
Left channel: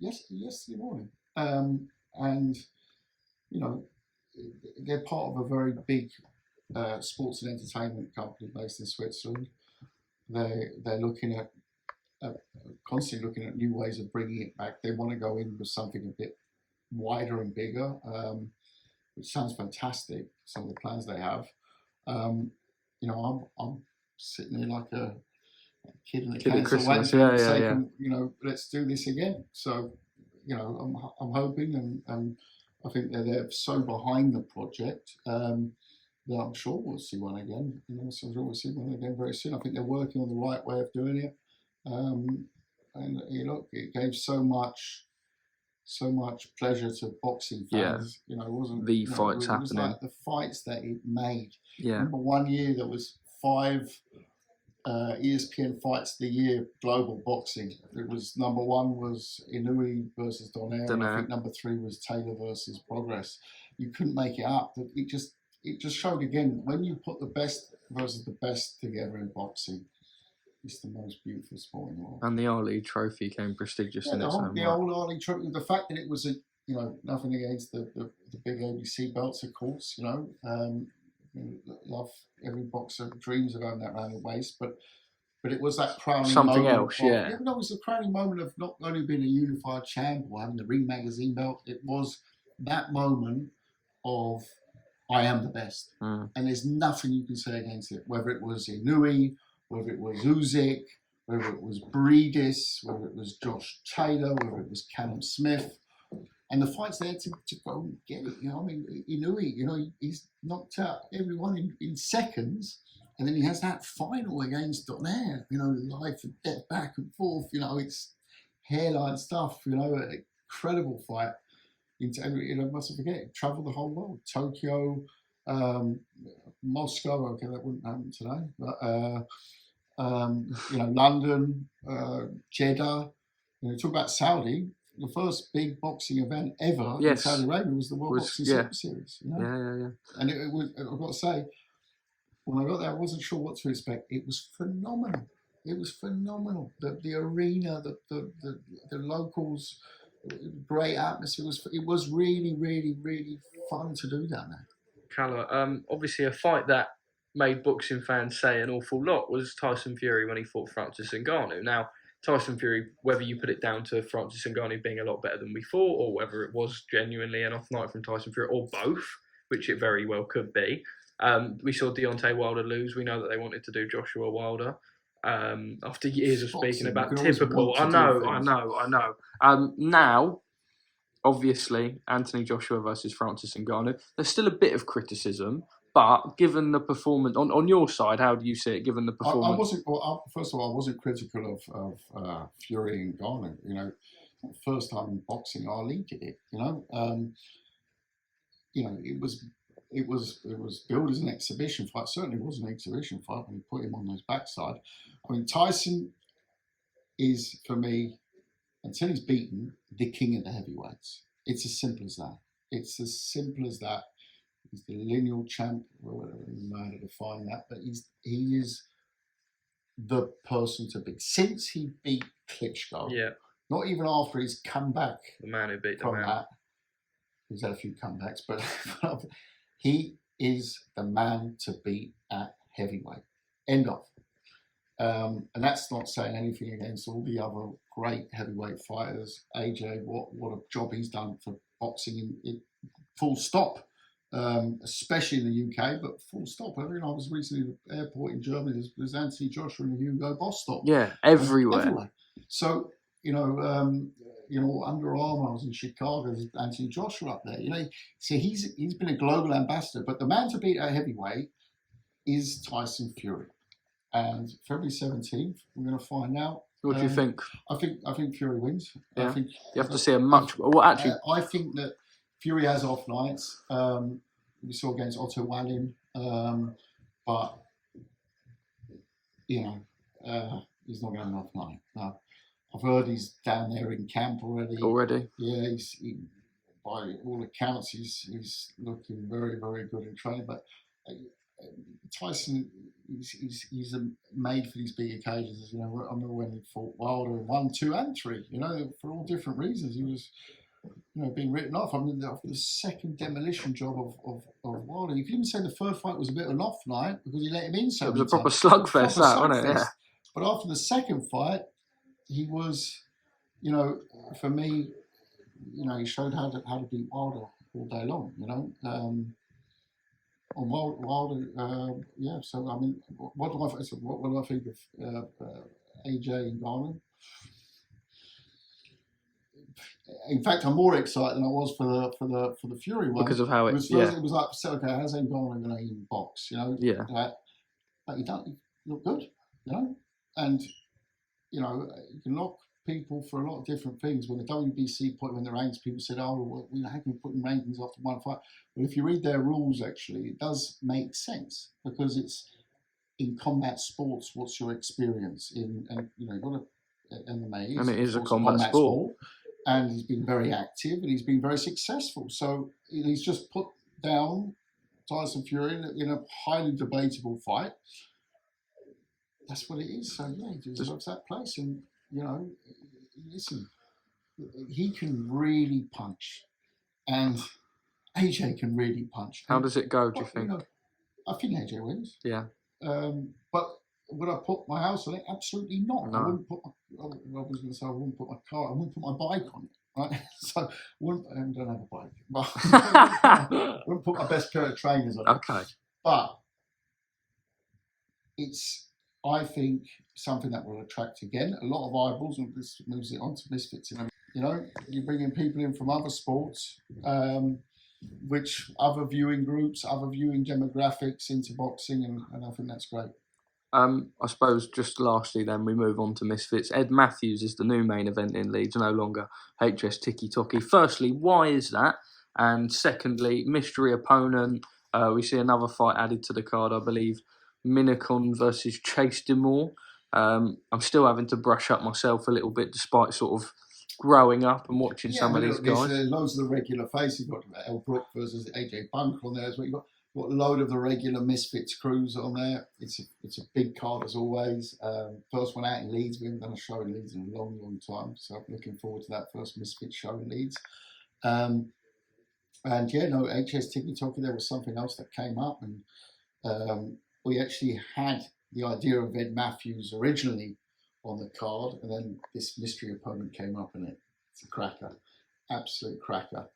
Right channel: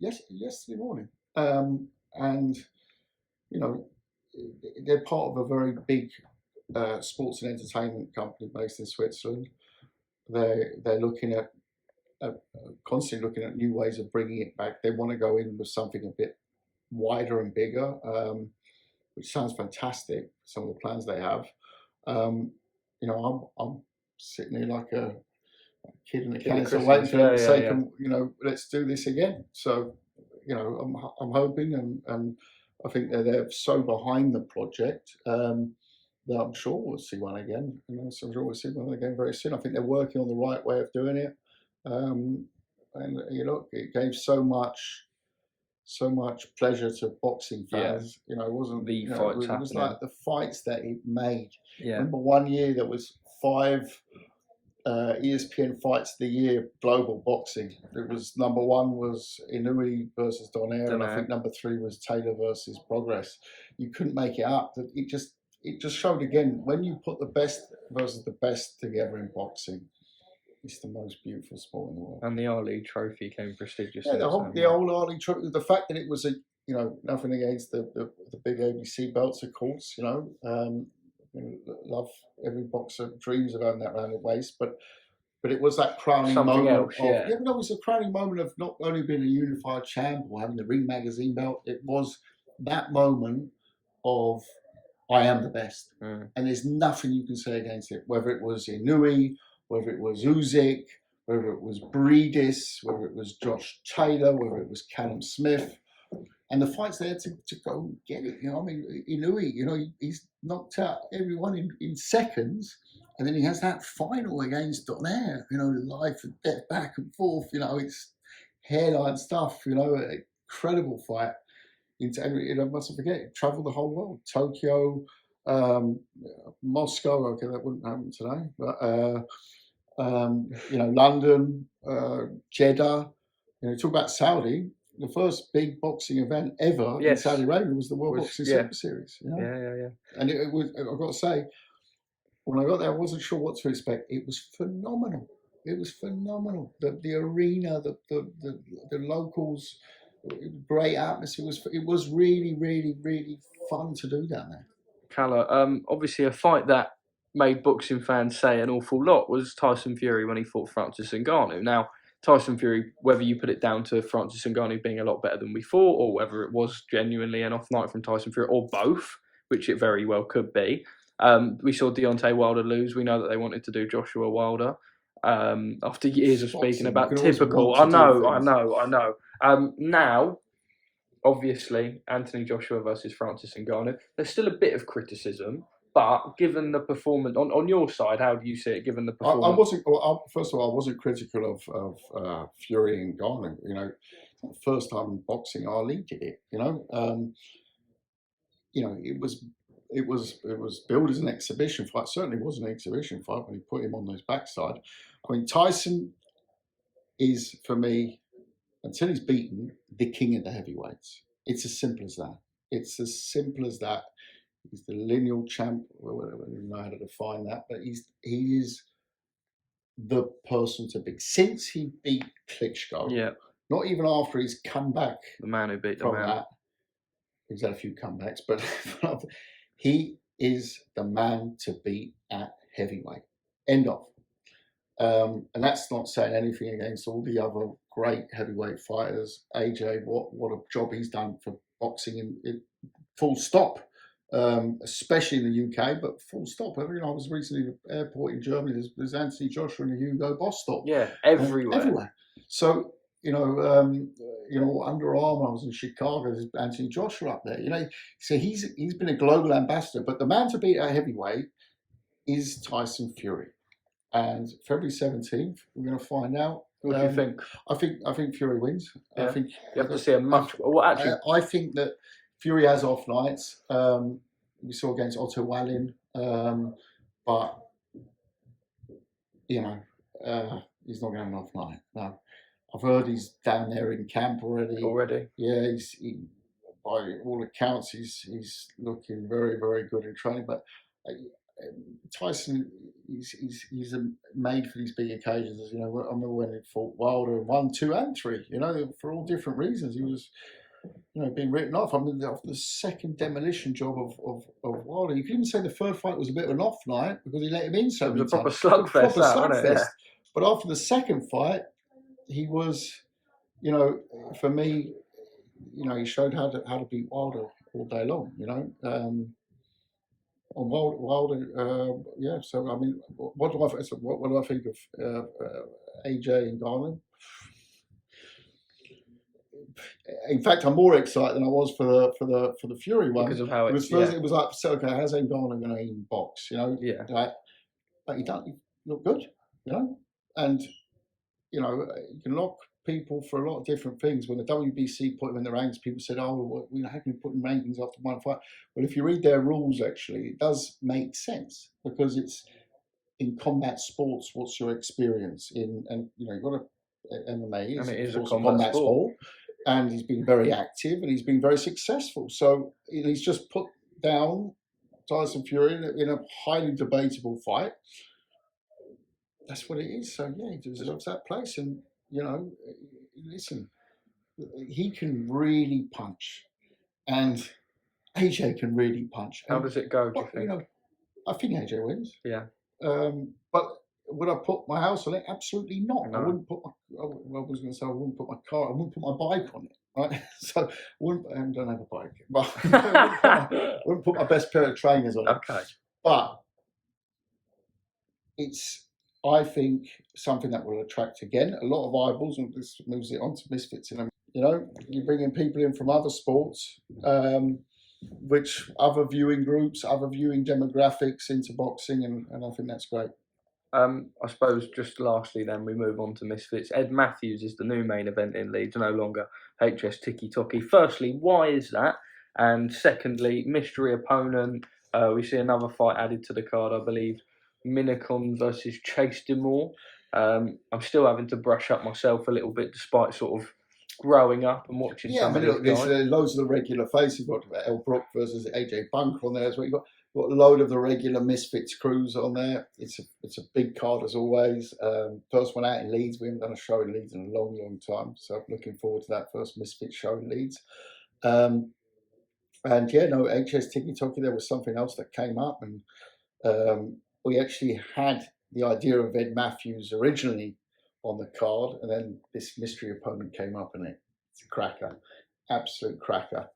yesterday morning, and you know, they're part of a very big sports and entertainment company based in Switzerland. They're looking at constantly looking at new ways of bringing it back. They want to go in with something a bit wider and bigger, which sounds fantastic. Some of the plans they have. You know, I'm sitting there like a kid in a cancer, waiting for them to say, you know, let's do this again. So, you know, I'm hoping, and I think that they're so behind the project that I'm sure we'll see one again. And also, I'm sure we'll see one again very soon. I think they're working on the right way of doing it. And you know, it gave so much pleasure to boxing fans. You know, it wasn't the fights happening. It was like the fights that it made. Yeah. Remember one year there was 5 ESPN Fights of the Year global boxing. It was number 1 was Inoue versus Donaire, and I think number 3 was Taylor versus Progress. You couldn't make it up. It just showed again, when you put the best versus the best together in boxing, it's the most beautiful sport in the world. And the Ali Trophy came prestigious. Yeah, the old Ali Trophy. The fact that it was you know, nothing against the big ABC belts, of course. You know, love every boxer dreams of having that around the waist, but it was that crowning something moment. Else, yeah. Yeah, no, it was a crowning moment of not only being a unified champ or having the Ring Magazine belt. It was that moment of I am the best, and there's nothing you can say against it. Whether it was Inoue, whether it was Usyk, whether it was Briedis, whether it was Josh Taylor, whether it was Callum Smith. And the fights there to go and get it. You know, I mean, Inoue, you know, he's knocked out everyone in seconds. And then he has that final against Donaire, you know, life and death, back and forth. You know, it's hairline stuff, you know, an incredible fight. You know, mustn't forget, he travelled the whole world. Tokyo, Moscow, okay, that wouldn't happen today. But, you know, London, Jeddah. You know, talk about Saudi. The first big boxing event ever in Saudi Arabia was the World Boxing Super Series. You know? Yeah. And it was, I've got to say, when I got there, I wasn't sure what to expect. It was phenomenal. It was phenomenal. The arena, the locals, great atmosphere. It was really, really, really fun to do down there. Kalle, obviously a fight that made boxing fans say an awful lot was Tyson Fury when he fought Francis Ngannou. Now, Tyson Fury, whether you put it down to Francis Ngannou being a lot better than we thought, or whether it was genuinely an off night from Tyson Fury, or both, which it very well could be. We saw Deontay Wilder lose. We know that they wanted to do Joshua Wilder. After years of speaking about typical, I know. Now, obviously, Anthony Joshua versus Francis Ngannou. There's still a bit of criticism, but given the performance on your side, how do you see it? Given the performance, I wasn't. Well, first of all, I wasn't critical of Fury and Ngannou. You know, first time in boxing, Ali did it. You know, it was billed as an exhibition fight. Certainly was an exhibition fight when he put him on his backside. I mean, Tyson is, for me, until he's beaten, the king of the heavyweights. It's as simple as that. It's as simple as that. He's the lineal champ. I don't know how to define that, but he is the person to beat. Since he beat Klitschko, not even after he's come back. The man who beat from that. He's had a few comebacks, but he is the man to beat at heavyweight. End of. And that's not saying anything against all the other great heavyweight fighters. AJ, what a job he's done for boxing in full stop. Especially in the UK, but full stop. I mean, I was recently at the airport in Germany. There's Anthony Joshua and Hugo Boss stop. Yeah, everywhere. So Under Armour. I was in Chicago. There's Anthony Joshua up there. You know, so he's been a global ambassador. But the man to beat at heavyweight is Tyson Fury. And February 17th, we're going to find out. What do you think? I think Fury wins. Yeah. I think you have to see a much. Well, actually, I think that Fury has off nights. We saw against Otto Wallin, but he's not going to have an off night. No, I've heard he's down there in camp already. Yeah, by all accounts, he's looking very, very good in training. But Tyson, he's made for these big occasions. You know, I remember when he fought Wilder 1, 2, and 3. You know, for all different reasons, he was, being written off. I mean, the second demolition job of Wilder. You could even say the third fight was a bit of an off night because he let him in so many times. It was a proper slugfest, wasn't it? Yeah. But after the second fight, he was, for me, he showed how to beat Wilder all day long. On Wilder, yeah. So I mean, what do I think of AJ and Ngannou? In fact, I'm more excited than I was for the Fury one because of how it was. It was like, so okay, how's Ngannou going to even box? You know, yeah. Like, but he don't look good. You know, and you know, you can lock people for a lot of different things. When the WBC put him in the ranks, people said, "Oh, well, how can you put him rankings after one fight?" Well, if you read their rules, actually, it does make sense because it's in combat sports. What's your experience in? And you know, you've got MMA, and it is a combat sport, and he's been very active and he's been very successful. So he's just put down Tyson Fury in a highly debatable fight. That's what it is. So yeah, he deserves that place. And you know, listen, he can really punch, and AJ can really punch. How does it go? Do you think? You know, I think AJ wins. Yeah. But would I put my house on it? Absolutely not. No. I wouldn't put I was going to say I wouldn't put my car. I wouldn't put my bike on it. Right. So I don't have a bike, but I wouldn't put my best pair of trainers on it. Okay. But it's, I think, something that will attract again a lot of eyeballs, and this moves it on to Misfits. You know, you bring in people in from other sports, which other viewing groups, other viewing demographics into boxing, and I think that's great. I suppose just lastly then we move on to Misfits. Ed Matthews is the new main event in Leeds, no longer HS Tiki Toki. Firstly, why is that? And secondly, mystery opponent. We see another fight added to the card, I believe. Minicon versus Chase Demore. I'm still having to brush up myself a little bit despite sort of growing up and watching some of these guys. There's loads of the regular faces. You've got El Brook versus AJ Bunker on there as well. You've got a load of the regular Misfits crews on there. It's a big card as always. First one out in Leeds. We haven't done a show in Leeds in a long, long time. So I'm looking forward to that first Misfits show in Leeds. And yeah, no, HS Tiki Toki, there was something else that came up. And we actually had the idea of Ed Matthews originally on the card. And then this mystery opponent came up, and it's a cracker. Absolute cracker.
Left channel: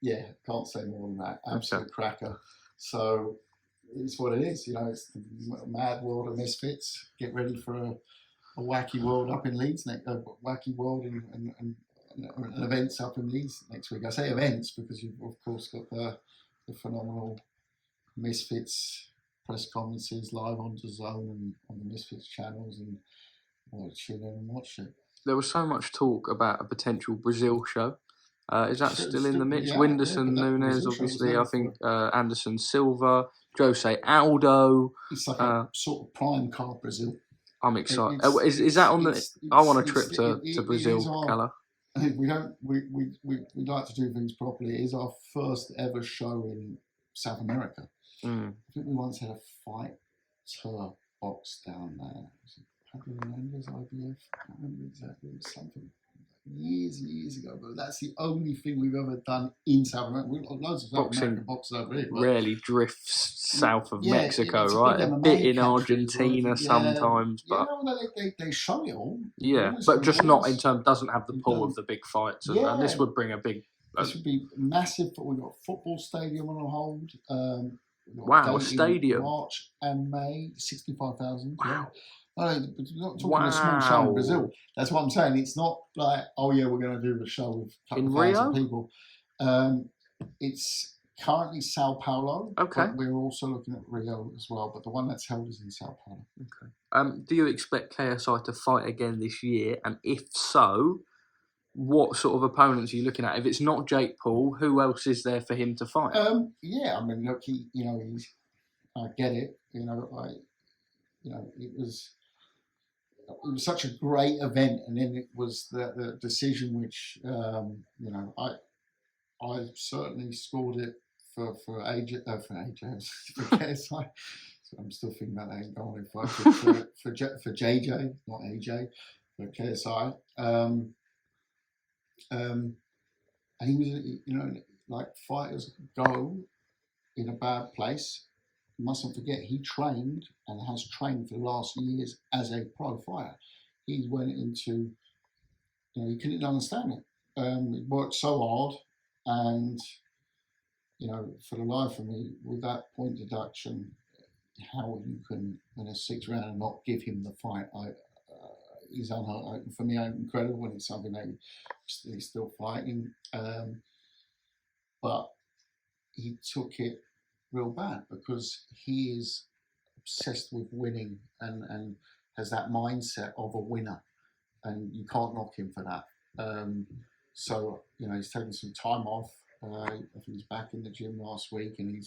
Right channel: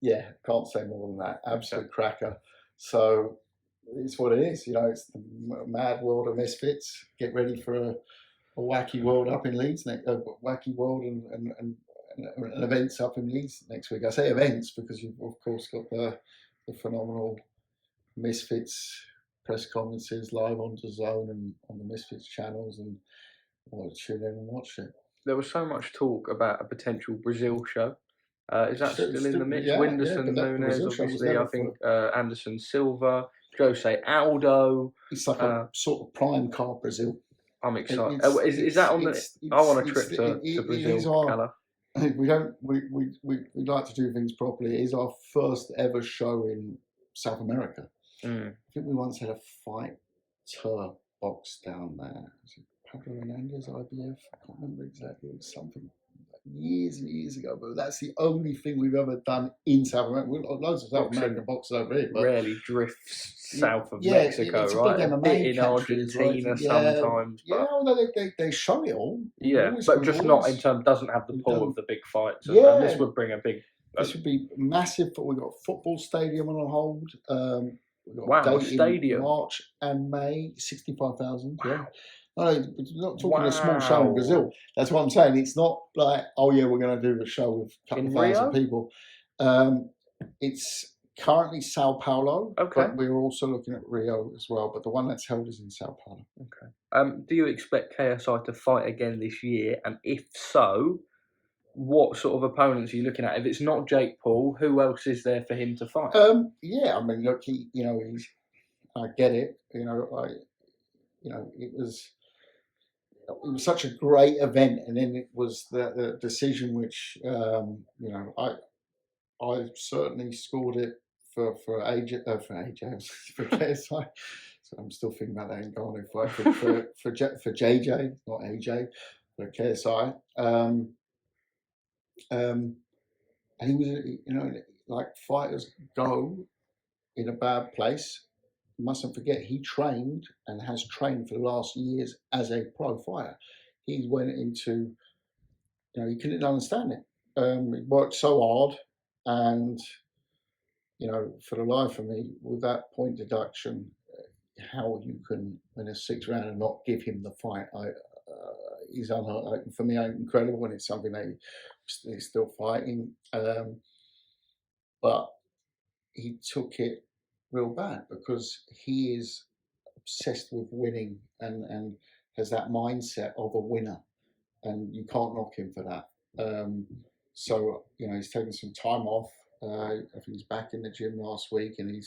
Yeah, can't say more than that. Absolute cracker. So it's what it is. You know, it's the mad world of Misfits. Get ready for a wacky world up in Leeds wacky world and events up in Leeds next week. I say events because you've of course got the phenomenal Misfits press conferences live on DAZN and on the Misfits channels, and I'll tune in and watch it. There was so much talk about a potential Brazil show. Is that still in the mix? Whindersson, Nunes, obviously. I think Anderson Silva, Jose Aldo. It's like a sort of prime card Brazil. I'm excited. Is that on the? I want a trip to Brazil, Kalle. We'd like to do things properly. It is our first ever show in South America. I think we once had a fighter box down there. Pablo Hernandez, IBF. I can't remember exactly. It was something years and years ago, but that's the only thing we've ever done in South America. We've got loads of South American boxers over here. But rarely drifts south of Mexico, right? A bit in Argentina sometimes. But they show it all. Yeah, but just not in terms, doesn't have the pull of the big fights. And this would bring a big... This would be massive. We've got a football stadium on hold. Wow, a stadium. March and May, 65,000. Wow. Yeah. No, we're not talking a small show in Brazil. That's what I'm saying. It's not like, oh yeah, we're going to do a show with a couple of thousand people. It's currently Sao Paulo, but we're also looking at Rio as well. But the one that's held is in Sao Paulo. Okay. Do you expect KSI to fight again this year? And if so, what sort of opponents are you looking at? If it's not Jake Paul, who else is there for him to fight? Yeah, I mean, look, I get it. It was such a great event, and then it was the decision which I certainly scored it for AJ for KSI. So I'm still thinking about that Ngannou fight for JJ, not AJ, for KSI. And he was, like fighters go in a bad place. You mustn't forget, he trained and has trained for the last years as a pro fighter. He went into, he couldn't understand it. He worked so hard, and for the life of me, with that point deduction, how you can win a 6th round and not give him the fight, is for me incredible, and it's something that he's still fighting. But he took it real bad because he is obsessed with winning and has that mindset of a winner, and you can't knock him for that. So he's taken some time off. I think he's back in the gym last week, and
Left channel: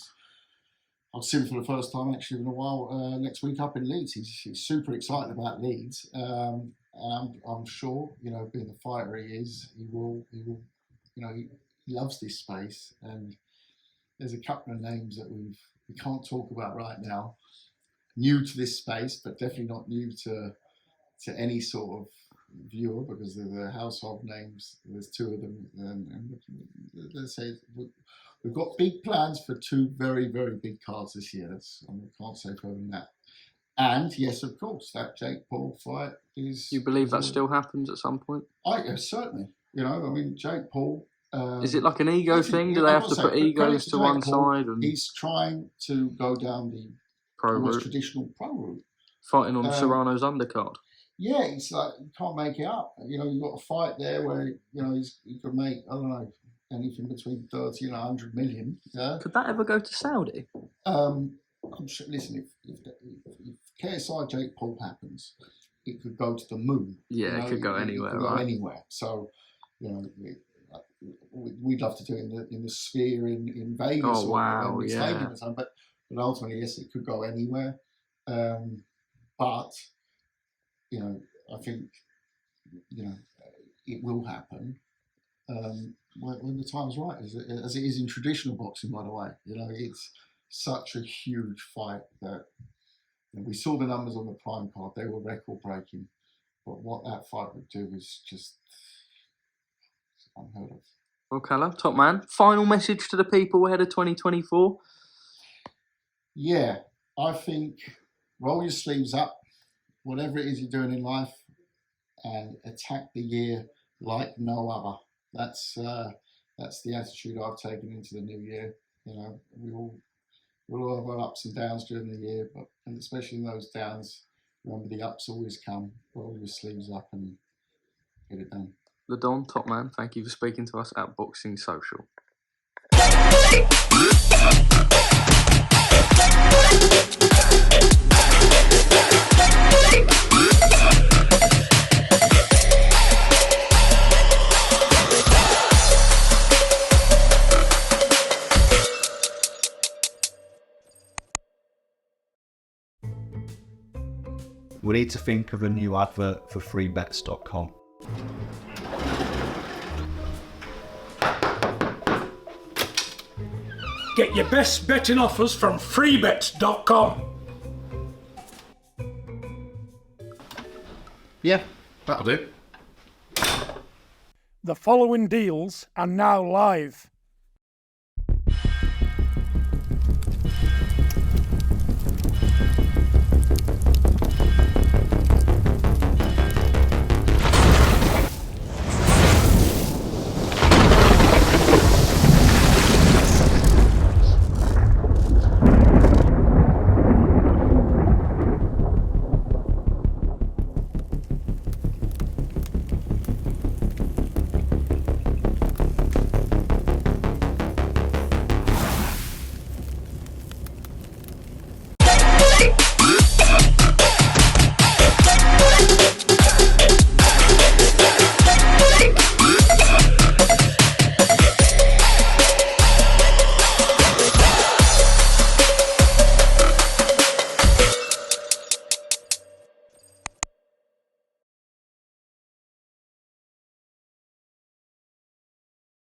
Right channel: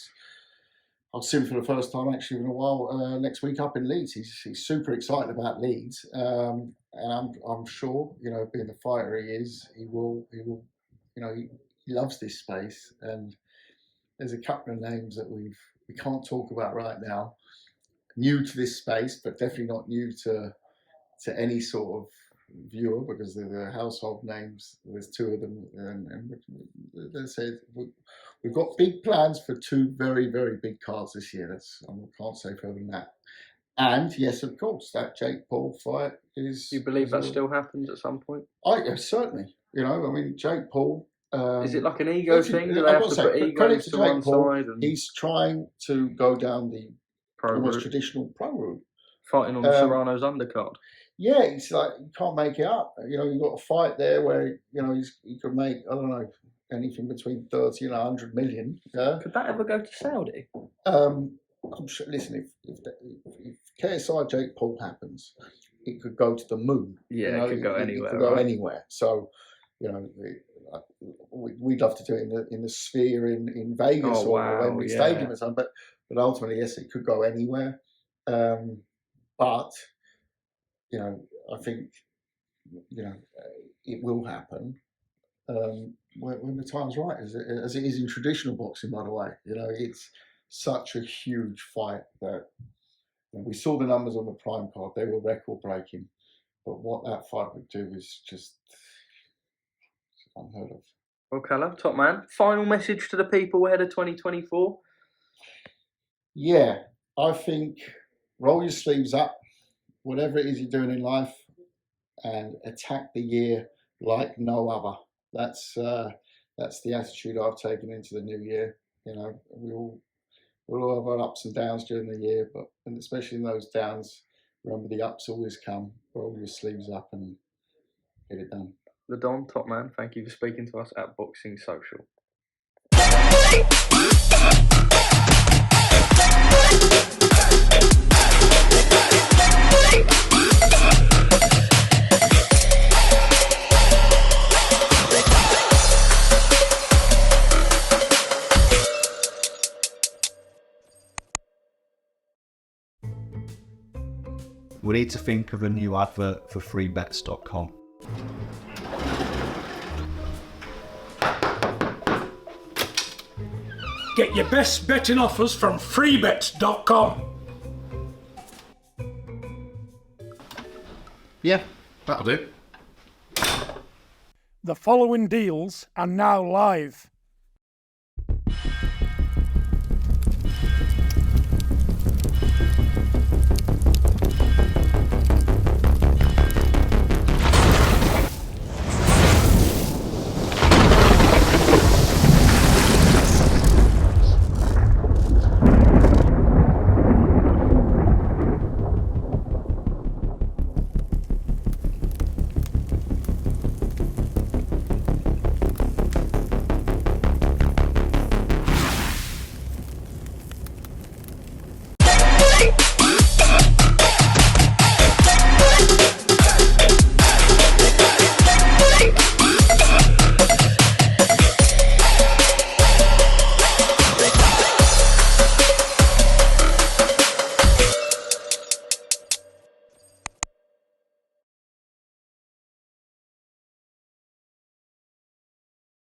I've seen him for the first time actually in a while. Next week up in Leeds, he's super excited about Leeds, and I'm sure, being the fighter he is, he will, he loves this space. And there's a couple of names that we can't talk about right now, new to this space, but definitely not new to any sort of viewer, because they're the household names. There's 2 of them, and they said we've got big plans for 2 very, very big cards this year. I can't say further than that. And yes, of course, that Jake Paul fight is. You believe that still happens at some point? Certainly. Jake Paul. Is it like an ego thing? Do they have to put egos to one side? And he's trying to go down the almost traditional pro route, fighting on Serrano's undercard. Yeah, it's like you can't make it up. You've got a fight there where he could make, I don't know, anything between 30 and 100 million. Yeah? Could that ever go to Saudi? I'm sure. Listen, if KSI Jake Paul happens, it could go to the moon. Yeah, it could go anywhere. It could go anywhere. So, we'd love to do it in the Sphere in Vegas or Wembley Stadium or something. But ultimately, yes, it could go anywhere. But I think it will happen when the time's right, as it is in traditional boxing. By the way, it's such a huge fight that we saw the numbers on the prime card; they were record breaking. But what that fight would do is just unheard of. Well, Kalle, top man, final message to the people ahead of 2024. Yeah, I think roll your sleeves up, whatever it is you're doing in life, and attack the year like no other. That's the attitude I've taken into the new year. We'll all have our ups and downs during the year, and especially in those downs, remember the ups always come. Roll your sleeves up and get it done. The Don, top man, thank you for speaking to us at Boxing Social. We need to think of a new advert for freebets.com. Get your best betting offers from freebets.com. Yeah, that'll do. The following deals are now live.